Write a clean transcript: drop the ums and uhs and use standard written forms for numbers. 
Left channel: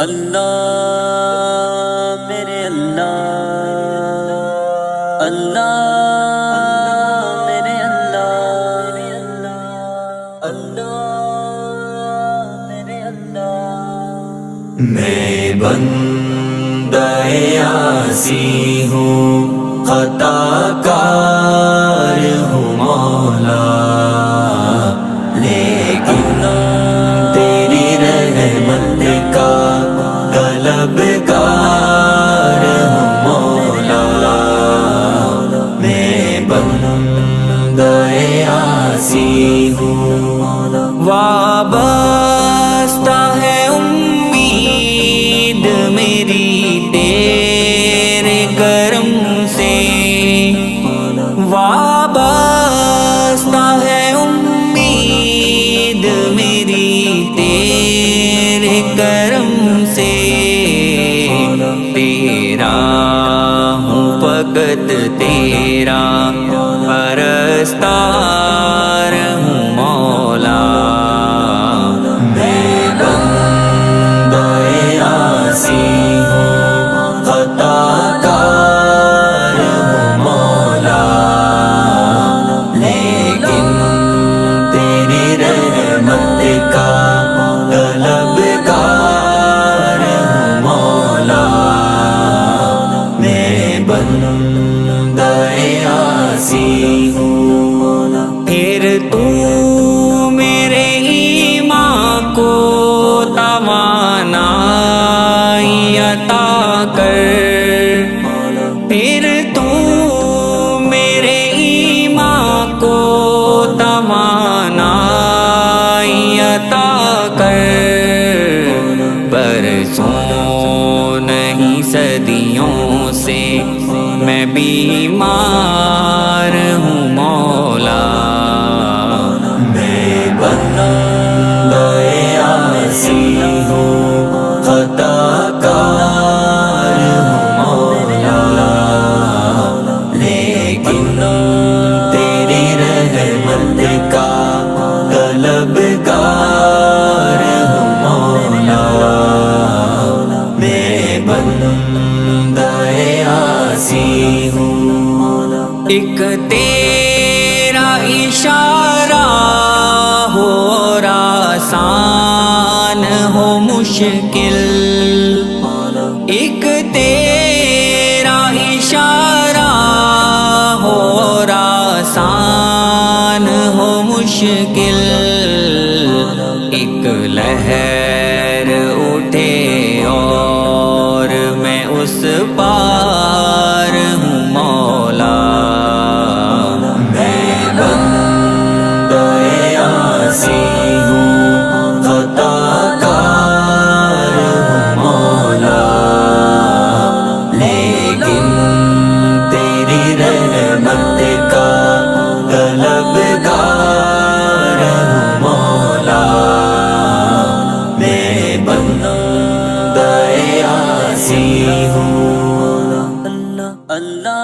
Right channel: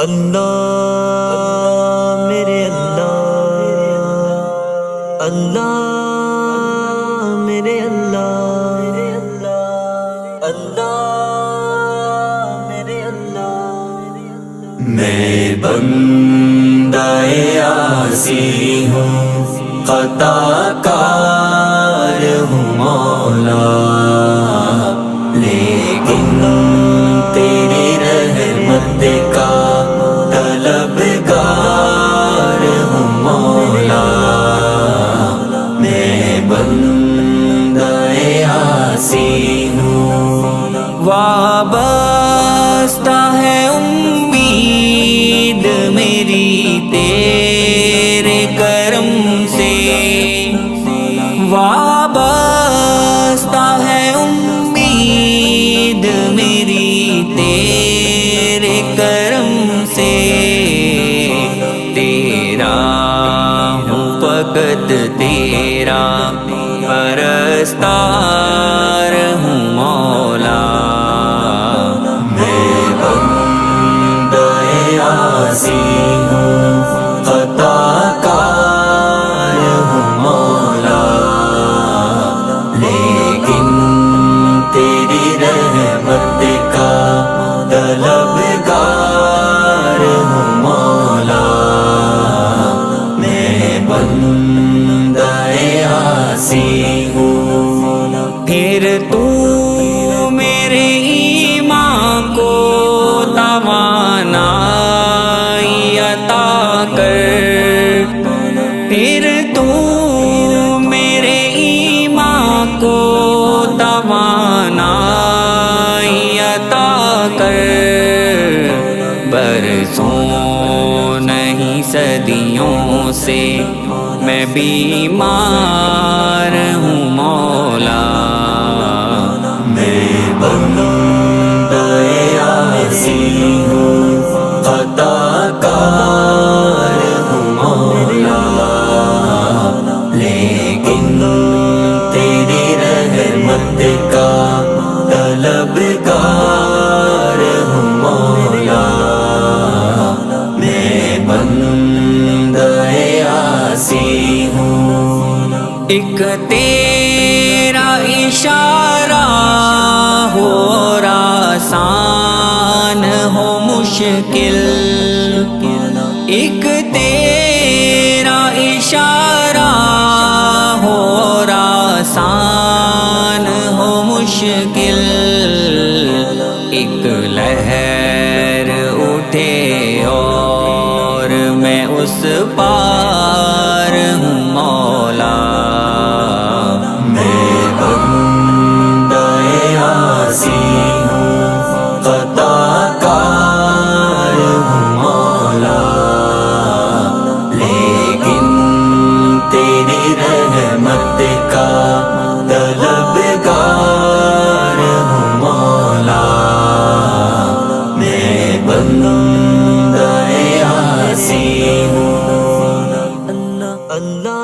اللہ میرے اللہ، اللہ میرے اللہ، اللہ میرے اللہ۔ میں بندہ عاصی ہوں، خطا کار ہوں مولا، لیکن تیری رحمت کا طلبگار ہوں مولا۔ میں بندہ عاصی ہوں، وابستہ ہے امید میری تیرے کرم سے، وابستہ ہے امید میری تیرے کرم سے، تیرا ہوں فقط تیرا پرستار ہوں مولا۔ میں بندہ عاصی ہوں، خطا کار ہوں مولا، لیکن تیری رحمت کا طلبگار ہوں مولا۔ میں بندہ عاصی ہوں، پھر تو میرے ایمان کو توانائی عطا کر، پھر تو میرے ایمان کو توانائی عطا کر، برسوں نہیں صدیوں سے میں بیمار ہوں مولا۔ میں بندہ عاصی ہوں، خطا کار ہوں مولا، لیکن تیری رحمت کا طلبگار ہوں مولا۔ میں بندہ عاصی ہوں، ایک تیرا اشارہ ہو اور آسان ہو مشکل، ایک تیرا اشارہ ہو اور آسان ہو مشکل، ایک لہر اٹھے اور میں اس پار ہوں مولا۔ میں بندہ عاصی ہوں، خطا کار ہوں مولا، لیکن تیری رحمت کا طلبگار ہوں مولا۔ میں بندہ عاصی ہوں، اللہ